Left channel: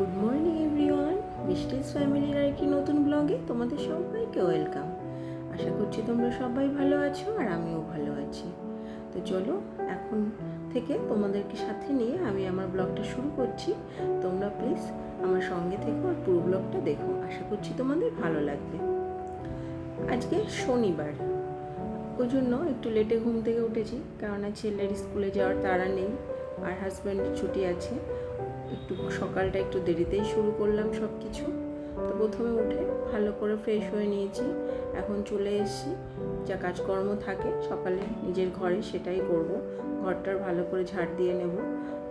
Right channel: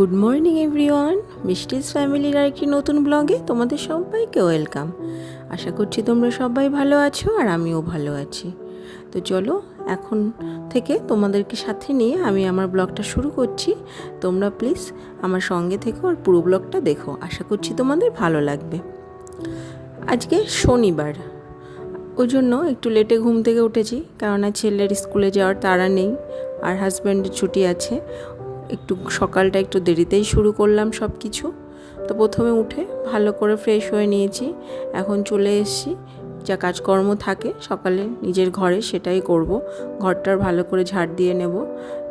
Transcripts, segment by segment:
Good morning everyone, মিষ্টিস ফ্যামিলির আর কি নতুন ব্লগে তোমাদের সবাইকে ওয়েলকাম। আশা করছি তোমরা সবাই ভালো আছো আর আমিও ভালো আছি। তো চলো এখন থেকে তোমাদেরকে সাথে নিয়ে আমি আমার ব্লগটা শুরু করছি। তোমরা প্লিজ আমার সঙ্গে থেকো আর পুরো ব্লগটা দেখো, আশা করছি তোমাদের ভালো লাগবে। আজকে শনিবার, ওই জন্য একটু লেটে ঘুম থেকে উঠেছি, কেননা ছেলের স্কুলে যাওয়ার তাড়া নেই আর হাজব্যান্ডের ছুটি আছে। একটু সকালটা একটু দেরিতেই শুরু করলাম সব কিছু। তো প্রথমে উঠে ভালো করে ফ্রেশ হয়ে নিয়েছি, এখন চলে এসেছি যা কাজকর্ম থাকে সকালে নিজের ঘরে সেটাই করব। ঘরটার ভালো করে ঝাড় দিয়ে নেব,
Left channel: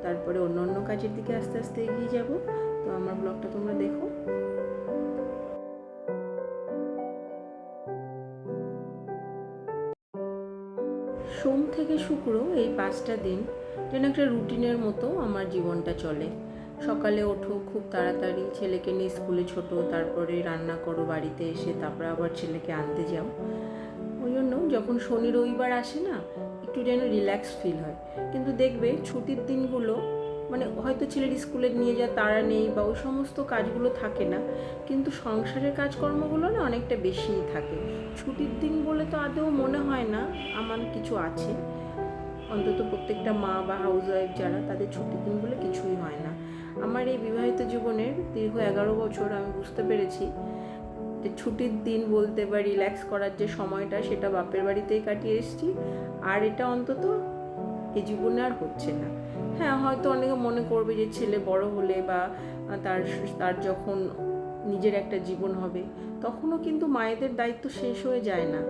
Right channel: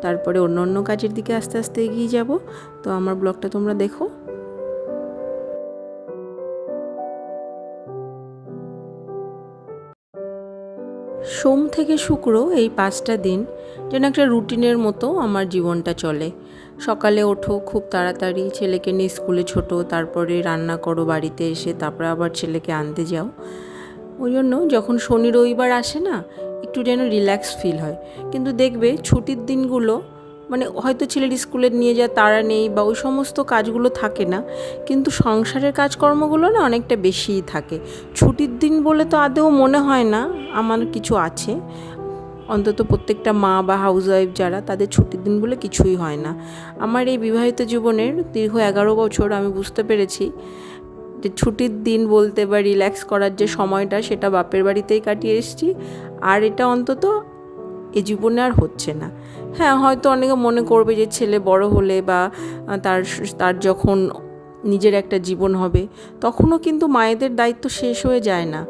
তারপরে অন্য অন্য কাজের দিকে আস্তে আস্তে এগিয়ে যাব। তো আমার ব্লগটা তোমরা দেখো। সোম থেকে শুক্র এই 5টা দিন যেন একটা রুটিনের মতো আমার জীবনটা চলে। সকালে ওঠো খুব তাড়াতাড়ি, ছেলেকে নিয়ে স্কুলে ছোটো, তারপরে রান্না করো বাড়িতে এসে, তারপরে আবার ছেলেকে আনতে যাও। ওই জন্য যখন শনি রবিবার আসে না, একটু যেন রিল্যাক্স ফিল হয়। কিন্তু দেখবে ছুটির দিনগুলো মানে হয়তো ছেলের স্কুলে নিয়ে যাওয়া তাড়া নেই বা ওই সমস্ত কাজগুলো থাকে না, কিন্তু সংসারের কাজকর্মগুলো না অনেকটা বেশিই থাকে। ছুটির দিন বলে তো আদৌ মনে হয় না আমার কিছু আছে, অন্তত প্রত্যেকটা মা বা হাউসওয়াইফ যারা, তাদের ছুটির দিন বলে কিছুই হয় না। আমার এই বিবাহিত জীবনের দীর্ঘ 11 বছর আমি বুঝতে পেরেছি যে ছুটির দিন বলতে বা রিল্যাক্স করার যে সময়টা, সেটা বাপের বাড়িতেই কাটিয়ে এসেছি। আর এটা অন্তত এ জীবনে আর হচ্ছে না। হ্যাঁ, হয়তো অনেকে মনে করবে যে ছেলে বড় হলে বা তার তার যখন নিজের একটা জীবন হবে, তখনও কিন্তু মায়েদের দায়িত্ব শেষ হয়ে যায় না।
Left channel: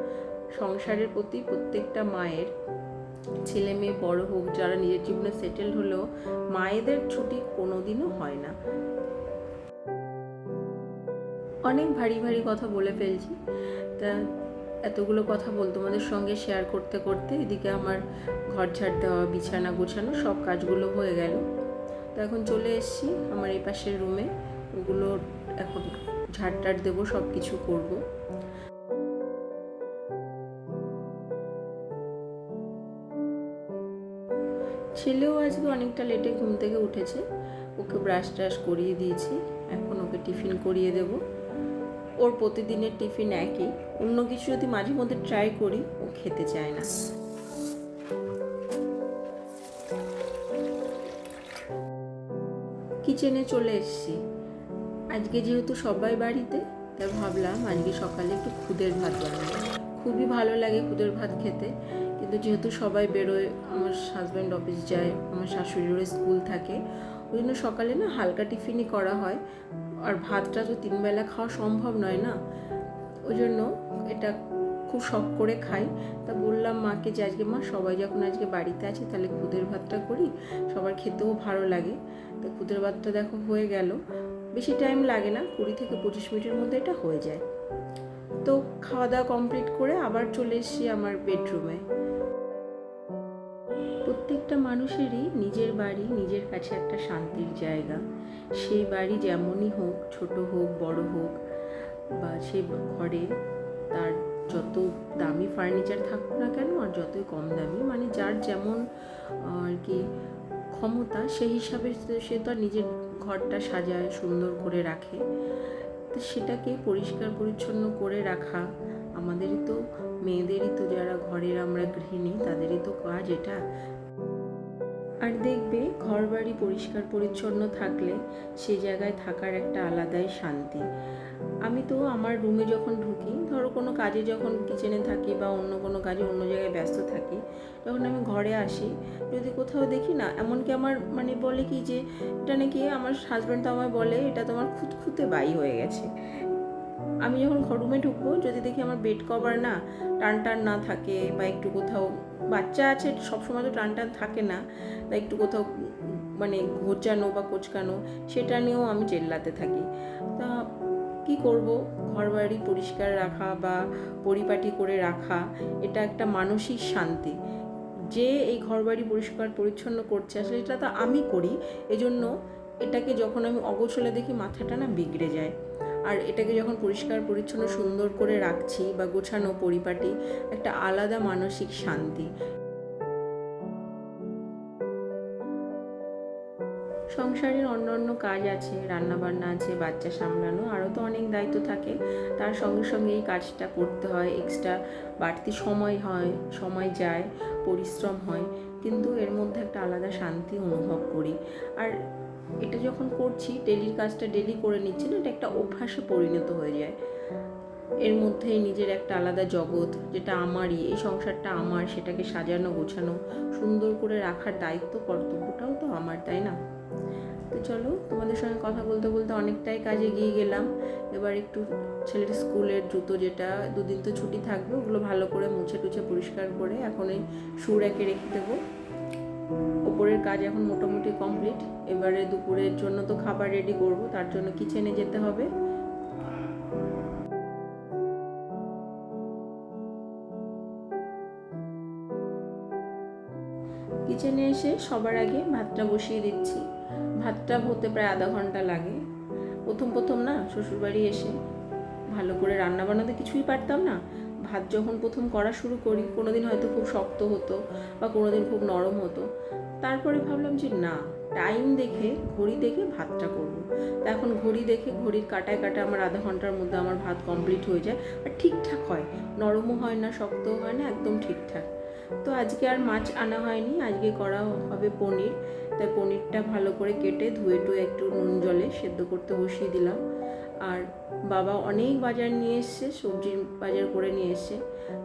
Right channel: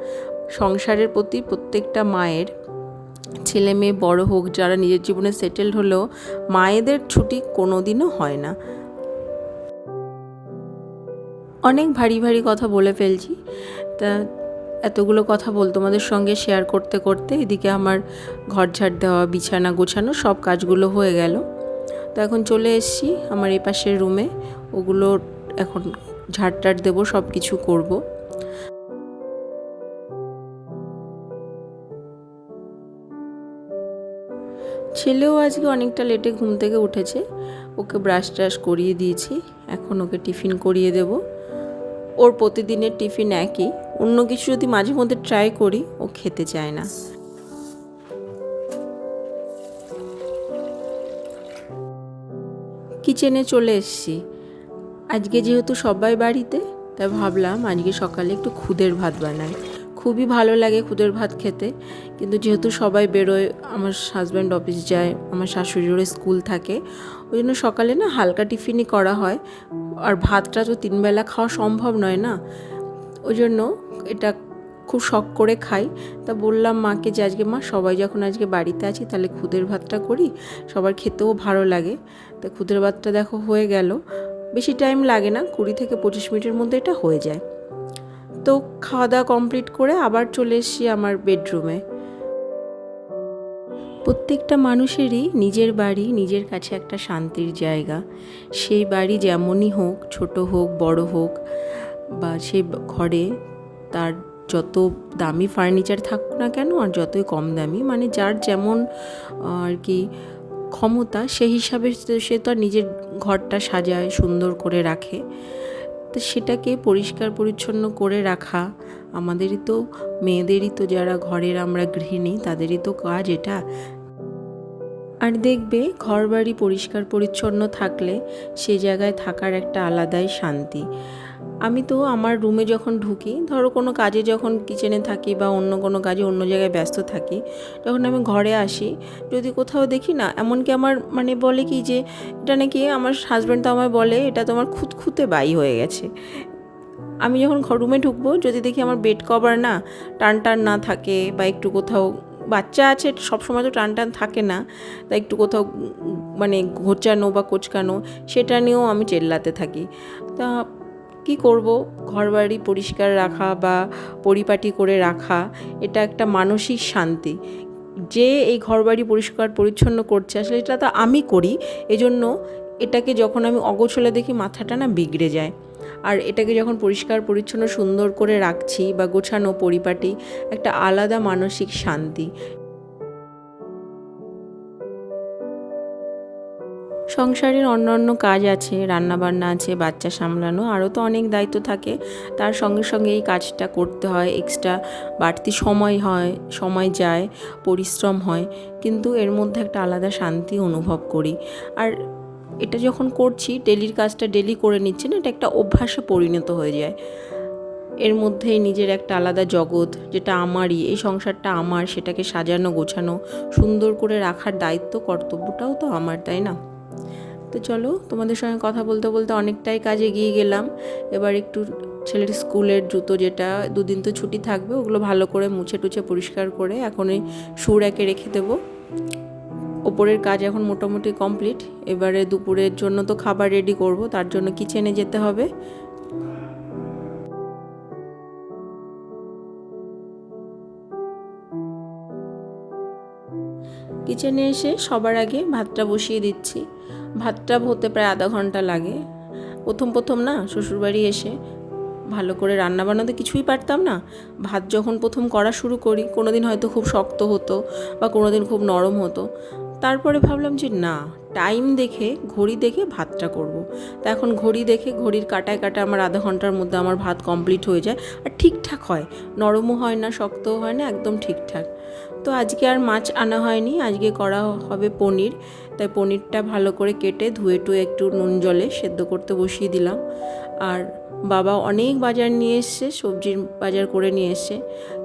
সংসারের প্রতি প্রত্যেকটা মায়ের, ছেলে মেয়ে বড় হোক, যারা নিজের জীবনে সেটেলড হলেও মায়েদের ছুটি কোনো দিনও হয় না। অনেক ভারী ভারী কথা বলে ফেলছি, তা এতগুলো কথা তোমাদের সঙ্গে শেয়ার করতে করতে এদিকে আমার ঘর ঝাড় দেওয়া, বিছানা গোছানো সব কাজগুলো হয়ে গেল। তো এখন চলে এসেছি আমার এই পাশের রুমে, ওগুলো এখন ঝাড় টাড় দেবো, সব কিছু করবো। ছেলেও আজকে অনেকটা লেটে ঘুম থেকে উঠেছে, ওকে ব্রাশ ট্রাশ করিয়ে দিয়েছি, এখন ওকে টিফিন করিয়ে দেব। ওর প্রতিদিনের টিফিন একই, অন্য কিছু যদি মাঝে মধ্যে ট্রাই করি ও খেতে চায় না। কিচেনে চলে এসেছি। আজকে যেহেতু সবাই বাড়িতে, তাই ভাবলাম আজকে সকালে একটু খুদের ভাত বানাই। খুবই ভালো লাগে খুদের ভাত খেতে, কিন্তু যেহেতু সবাই বেরোয়, আমার হাজব্যান্ড অফিস যায়, আমার শাশুড়িরও স্কুল থাকে, ওই জন্য সকালে না হালকা টিফিনই করা হয়। আর ভাতটা তো 3 বেলা খাওয়া সম্ভব নয় না, ওই জন্য এটা খুব শখ করে খাই। তা বললাম মাকে যে আজকে মা, সবাই যখন আজকে বাড়িতে আছি তাহলে খুদের ভাতটা করি, সবার খেতেও ভালো লাগে। তা খুদের ভাতটা দেখো হয়ে গেল, বেশি টাইম লাগে না, 20 থেকে 25 মিনিটের মধ্যে এটা হয়ে যায়। তো খাওয়া দাওয়া কমপ্লিট করে আবার চলে এসেছি আমার বেডরুমে। প্রত্যেকটা মানুষেরই নিজের বাড়ি নিজের কাছে একটা শান্তির জায়গা। সেই বাড়ি যেমনই হোক, ছোট হোক বড় হোক, বা সেই ঘরে তার যত দামি ফার্নিচার থাকুক না কেন আর যতই কম দামি, মানে যার যেমন আর কি ক্ষমতা, সেই হিসাবে সে তো আর নিজের ঘরটা সাজায়, সুন্দর করে রাখে। তো সেটাকে পরিষ্কার পরিচ্ছন্ন করে রাখা আমাদেরই তো, মেয়েদেরই তো, যারা ঘরের আমরা গৃহিণী, তাদেরই তো কাজ এটা। আর দেখবে ঘর বাড়ি পরিষ্কার পরিচ্ছন্ন থাকলে সে জায়গায় থাকার একটা আলাদাই শান্তি। আমি তো আমার রুমে যখন ঢুকি, ধরো কোনো কাজে যখন কিচেনে থাকি বা অন্য কোনো কাজে অন্য জায়গায় ব্যস্ত থাকি, যখন আমি ঘরে আসি, যদি কোথাও দেখি না, এমনকি আমার মানে বলে কি যে এটা নাকি, আমার হাজব্যান্ড তো আমায় বলে এটা তোমার খুঁতখুঁতে বাই হয়ে গেছে। আমি যখন রুমে ঢুকবো, যদি দেখি আমার বেড কভার না টান টান না থাকে, বা একটু কোথাও বাচ্চা আছে, সবসময় তো টান টান থাকে না, তাই একটু কোথাও মানে ঘোচানো বা কোচকানো, সেটা নিয়েও আমি চেল্লাতে থাকি। তা কী করব, ঘরবাড়ি পরিষ্কার রাখা বা পরিপাটি করে রাখা এটা একটা মানসিক শান্তি। যে এই ঘরবাড়ি পরিষ্কার পরিচ্ছন্ন করছে, আসলে এটা তো আমি করি, এজন্য এটাকে যখন আমি অগোছলে দেখি মাথাটা না বিগড়ে যায়। আর এটাকে যখন পরিষ্কার পরিচ্ছন্ন সুন্দর করে রাখছি বা গোছানো পরিপাটি, একটা আলাদা মানসিক শান্তি। সংসারের অন্যান্য কাজ আছে, রান্নাবান্না আছে, বাচ্চা সামলানো, আরও তো অনেক দায়িত্ব থাকে। তার সঙ্গে সঙ্গে এই কাজটা করতে হয়, এক্সট্রা বাড়তি সময় যায়, পরিশ্রম হয়, কিন্তু এর মধ্যে একটা আলাদা শান্তি অনুভব করি। আর এটা যখন করছি, ডেলির কাজটা ডেলি করে নিচ্ছি না, এটা একটা অভ্যাসে পরিণত হয়ে যায়। এর মধ্যেই নিজের একটা আলাদা জগৎ, যেটা আমারই, এই সংসারটা আমার, সেটাকে সাজানো গোছানো সুন্দর করে রাখার দায়িত্ব, কর্তব্যটাও তো আমার, তাই না? তো চলো, তোমাদের সঙ্গে কথা বলতে বলতে অনেকটাই কাজে এগিয়ে গেলাম। এবার একটু ছেলের স্কুলের জুতো, যেটা দুদিন তো ছুটি থাকবে, ওগুলো ভালো করে মুছে টুছে পরিষ্কার করে এখন এই সুর একে রেখে দেবো। ওপরের কাজ এখন মোটামুটি কমপ্লিট। এবারে দুপুরের জন্য তো খাবার রেডি করব, তার জন্য কিচেনে যেতে হবে। কিচেনে এসে সবার আগে ভাতটা বসিয়ে দিচ্ছি। ভাতটা হতে প্রায় আধা ঘন্টা লাগে। প্রথম না, শ্বশুরবাড়ি এসে ভালো করে রান্না বান্নাতে কিছুই পারতাম না। ভাত যখন প্রথম করা শুরু করি, কোনো দিন হয়তো খুব শক্ত হতো বা কোনো দিন খুব নরম হতো। তারপরে ভাবলাম যে না, টাইম দেখে, ঘড়ি দেখে ভাতটা করব। তা এখন ঘড়ি দেখে, ঘড়ির কাটায় কাটায় আমার আধা ঘন্টার মধ্যে আমার ভাত কমপ্লিট হয়ে যায়। আর ঠিকঠাক হয়, নরমও হয় না, শক্তও হয় না, একদম ঠিকঠাক। তো আজকে আর মাছ আনা হয়নি, আজকে করা হবে পনির। তাই পনিরটা ভালো করে কেটে ধুয়ে টুয়ে একটু নুন জলে সেদ্ধ করতে বসিয়ে দিলাম। আর বাবা অনেক বাজার নিয়ে এসছে, সবজির বাজার করে নিয়ে এসছে।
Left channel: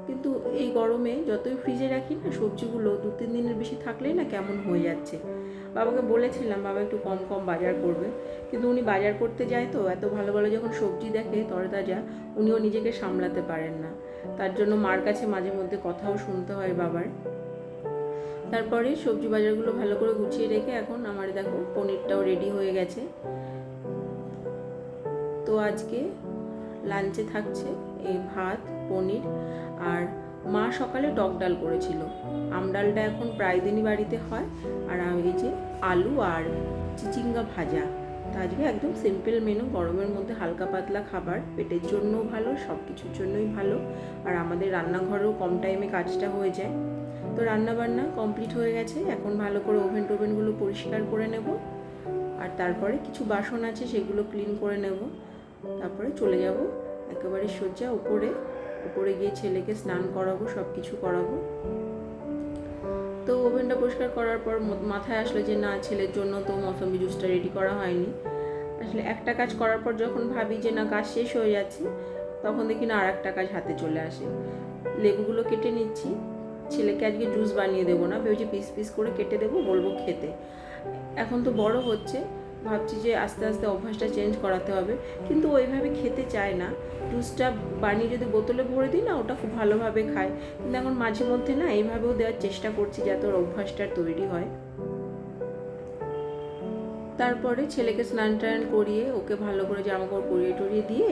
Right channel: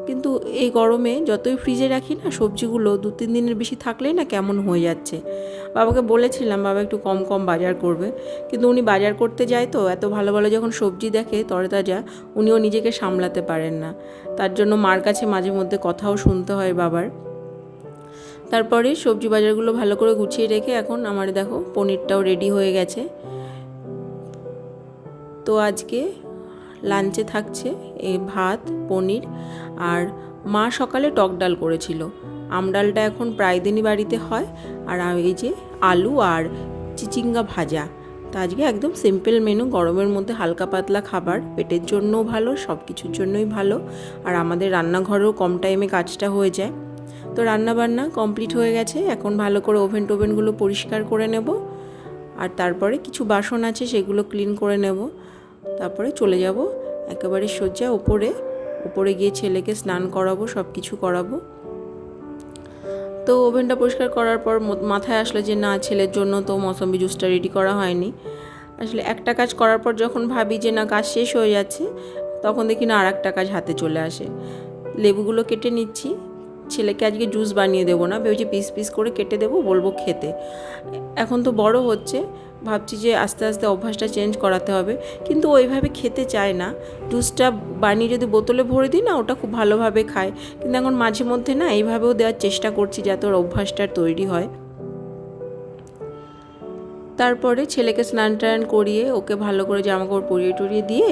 কিন্তু এই গরমে যতই ফ্রিজে রাখি না, সবজিগুলো 2-3 দিনের বেশি থাকলেই না কেমন হয়ে যাচ্ছে। বাবাকে বলেছিলাম বাবা একটু কম কম বাজার করবে, কিন্তু উনি বাজার করতে যায় তো, এত ভালো ভালো যখন সবজি দেখে তরতাজা, উনিও নিজেকে সামলাতে পারেন না। তার জন্য মার কাছে মাঝে মধ্যে কথাও শুনতে হয় বাবার। তারপরে সবজি বাজারগুলো ভালো করে গুছিয়ে রেখে এখন আমার দেখো পনিরটাও রেডি হয়ে গেছে। তো আজকে লাঞ্চে থাকছে এই ভাত, পনির, আর মা সকালে টক ডাল করেছিল। আমডালটা এখন প্রায় দিনই বাড়িতে হয়। আর এই যে আলু আর চিচিঙ্গা ভাজা। তো আজকে একদম সিম্পল মেনু, গরমের মধ্যে হালকা পাতলা খাবার, পেটের জন্যও ভালো, সব কিছুর জন্যই ভালো। আর আমাদের রান্নাঘরেও কম টাইমে কাজটা হয়ে যায়। তো রান্নাবান্না কমপ্লিট হয়ে গেছে, এখন ভালো করে ওভেনগুলো পরিষ্কার করে নেব। আর তারপরে কিছু বাসন আছে, সেগুলো ক্লিন করে নেব। তারপরে চলে যাব একেবারে সোজা উপরে গিয়ে ছেলেকে স্নান করাবো, সব কিছু করাবো। তো ওভেনটা পরিষ্কার করার পর মাথায় আসলো যে না, ছেলের জন্য তো মৌসম্বি জুসটা রেডি করা হয়নি। আসলে একটা কাজ করার পর যখন ভাবি যে না, কাজ শেষ হয়ে যাচ্ছে, তখন দেখি না আর একটা কাজ হাতে চলে আসে। লেবুগুলো কেটে নিচ্ছি। ছেলেকে আজকে জুস বানিয়ে দেবো না, ভেবেছি পিস পিস করে কেটে দেবো, বলবো খেতে। এখন তো বড় হচ্ছে, ভাবছি যে আস্তে আস্তে অভ্যাসটা চেঞ্জ করাতে হবে, কিন্তু ওইভাবে খেতে চায় না। জুসটা বানিয়ে যদি বোতলে ভরে দিই না, ওটা খুব ভালোভাবে খায়। কিন্তু এখন মাঝে মধ্যে না এইভাবেও দেওয়ার চেষ্টা করছি, যাতে ওর অভ্যাসটা তৈরি হয়। তারপরে ছেলেকে স্নান টান করিয়ে ওকে ভালো করে জামাকাপড় পরিয়ে টরিয়ে দিয়ে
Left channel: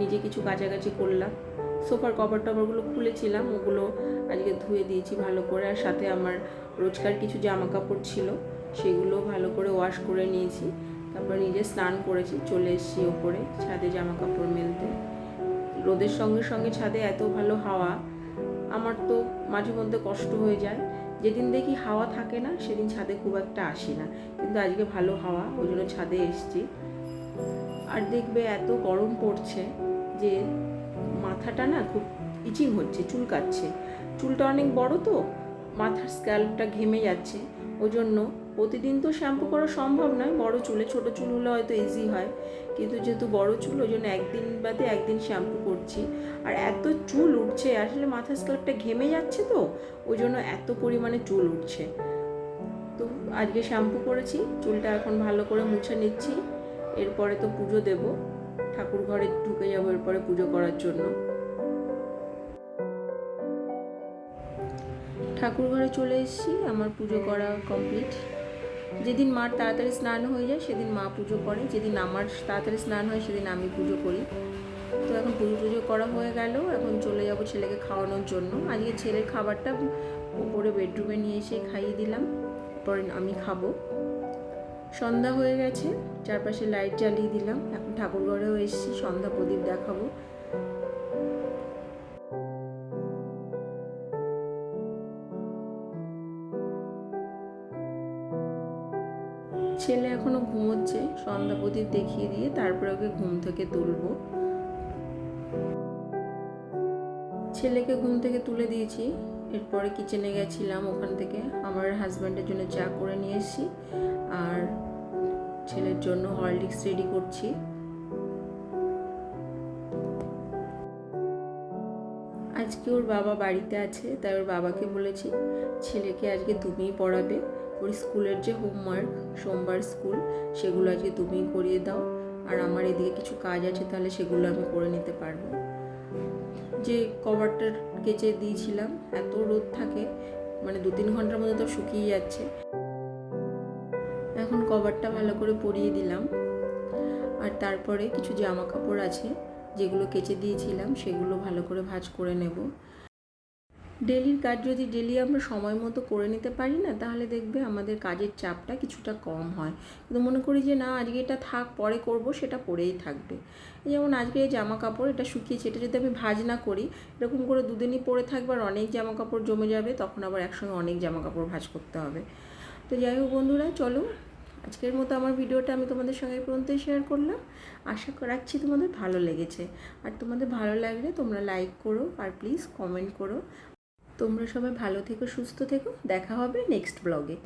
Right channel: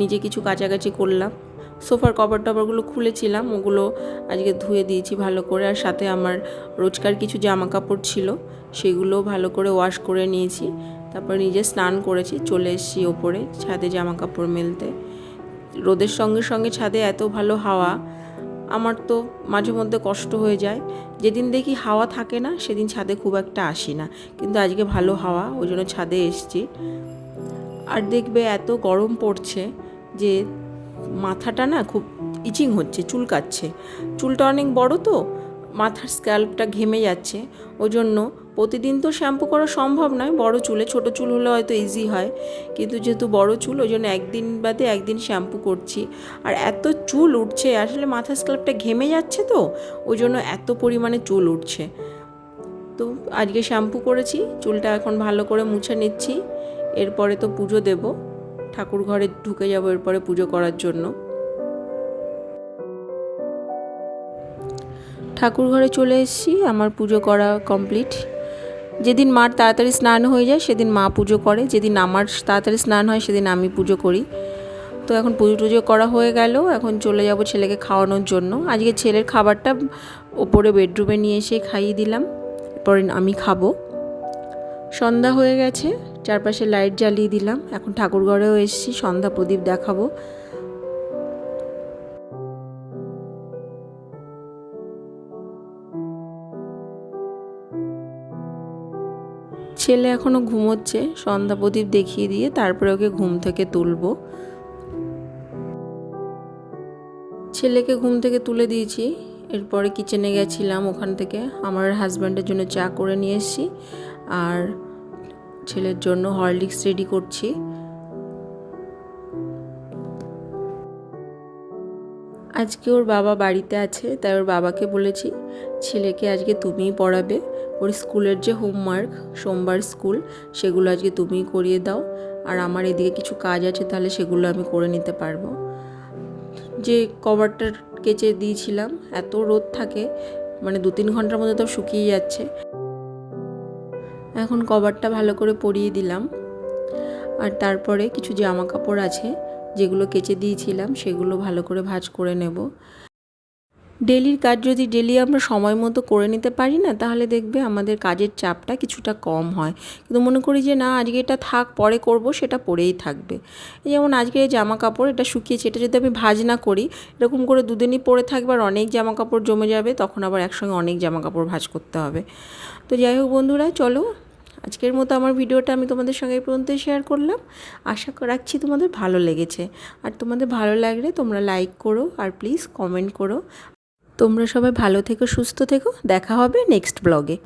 নিজে কিছু কাচাকাচি করলাম। সোফার কভার টভারগুলো খুলেছিলাম, ওগুলো আজকে ধুয়ে দিয়েছি ভালো করে। আর সাথে আমার রোজকার কিছু জামা কাপড় ছিল, সেগুলো ভালো করে ওয়াশ করে নিয়েছি। তারপর নিজে স্নান করেছি, চলে এসেছি ওপরে ছাদে জামা কাপড় মেলতে। রোদের সঙ্গে সঙ্গে ছাদে এত ভালো হাওয়া, আমার তো মাঝে মধ্যে কষ্ট হয়ে যায়। যেদিন দেখি হাওয়া থাকে না, সেদিন ছাদে খুব একটা আসি না, কিন্তু আজকে ভালো হাওয়া, ওই জন্য ছাদে এসছি। আর দেখবে এত গরম পড়ছে যে মাথাটা না খুব ইচিং হচ্ছে, চুলকাচ্ছে। চুলটা অনেক বড় তো, মাথার স্ক্যাল্পটা ঘেমে যাচ্ছে। ওই জন্য প্রতিদিন তো শ্যাম্পু করা সম্ভব নয় বড় চুলে, ছোট চুল হলে হয়তো ইজি হয়, কিন্তু যেহেতু বড় চুল, ওই জন্য একদিন বাদে একদিন শ্যাম্পু করছি। আর এত চুল উঠছে, আসলে মাথার স্ক্যাল্পটা ঘেমে যাচ্ছে তো, ওই জন্য এত পরিমাণে চুল উঠছে। তো আজকে শ্যাম্পু করেছি, চুলটা এখন ভালো করে মুছে নিচ্ছি। এরপরে তো পুজো দেব, ঠাকুর ঘরে ঢুকে যাব এরপরে পুজো করার জন্য। ঠাকুর ঘরে চলে এসেছি, আমার পুজো করা কমপ্লিট। যেদিন মার তাড়াতাড়ি স্নান হয়ে যায় সেদিন মা পুজো করে, যেদিন আমার তাড়াতাড়ি স্নান হয় সেদিন আমি পুজো করি। তো এখন পুজো টুজো করা হয়ে গেল, এখন চলে যাব ছেলেকে খাওয়ানোর জন্য। আজকে ছেলের খাবারটা ওপরে বেডরুমে নিয়ে এসে খাইয়ে দিলাম, এরপরে আমি খাবো। সন্ধ্যা হয়ে গেছে, চারপাশে লাইট জ্বালিয়ে দিলাম। এখন ঠাকুর ঘরেও এসেছি, সন্ধ্যা প্রদীপ দেখাবো। ছেলে এখনও ঘুমোচ্ছে, সন্ধ্যা প্রদীপ দেখিয়ে দিয়ে তারপরে ওকে ঘুম থেকে তুলবো। ছেলেকে ঘুম থেকে তুলে দিয়েছি, এরপরে কিচেনে গেছিলাম, ওখান থেকে আমার হাজব্যান্ডের জন্য চা করে নিয়ে এসেছি আর ছেলের জন্য হরলিক্স রেডি করছি। আজকে ওর বাবা বাড়িতে আছে, তাই ওর বাবাকে বলেছি ছেলেকে আজকে তুমিই পড়াবে, ওর স্কুলের যে হোমওয়ার্ক, সোমবার স্কুল, সেগুলো আজকে তুমিই করিয়ে দাও, আর আমার এদিকে কিছু কাজ আছে, তাহলে সেগুলো আমি করে নিতে পারবো। যে কভারটা কেচে দিয়েছিলাম, এত রোদ থাকে, মানে 2-3 ঘন্টার মধ্যে তো শুকিয়ে যাচ্ছে। এখন কভারটা ভালো করে পরিয়ে দিলাম, আর তারপরে কিছু জামা কাপড় আছে যেগুলো কেচে দিয়েছিলাম, সেগুলো ভালো করে ভাঁজ করে নেব। ডেলির কাজ যদি ডেলি আমরা সময় মতো করে নিতে পারি না, তাহলে দেখবে আমাদের কাজের চাপটা কিছুটা কম হয়। কিন্তু মনে করি যে না, আজকে এটা থাক, পরে করব, সেটা পড়েই থাকবে। যেমন আজকে এই জামা কাপড় এটা শুকিয়েছে, এটা যদি আমি ভাঁজ না করি, এরকম করে দুদিনই পরে থাকবে আর অনেক জামা কাপড় জমে যাবে, তখন আবার একসঙ্গে অনেক জামা কাপড় ভাঁজ করতে হবে। তো যাই হোক বন্ধুরা, চলো আজকের মতো আমার ভিডিওটা আমি তোমাদের সঙ্গে এই পর্যন্তই শেয়ার করলাম। আশা রাখছি তোমাদের ভালো লেগেছে, আর তোমাদের ভালো লাগলে তোমরা লাইক করো আর প্লিজ কমেন্ট করো। তোমরা সবাই ভালো থেকো, সুস্থ থেকো, দেখা হবে নেক্সট ব্লগে।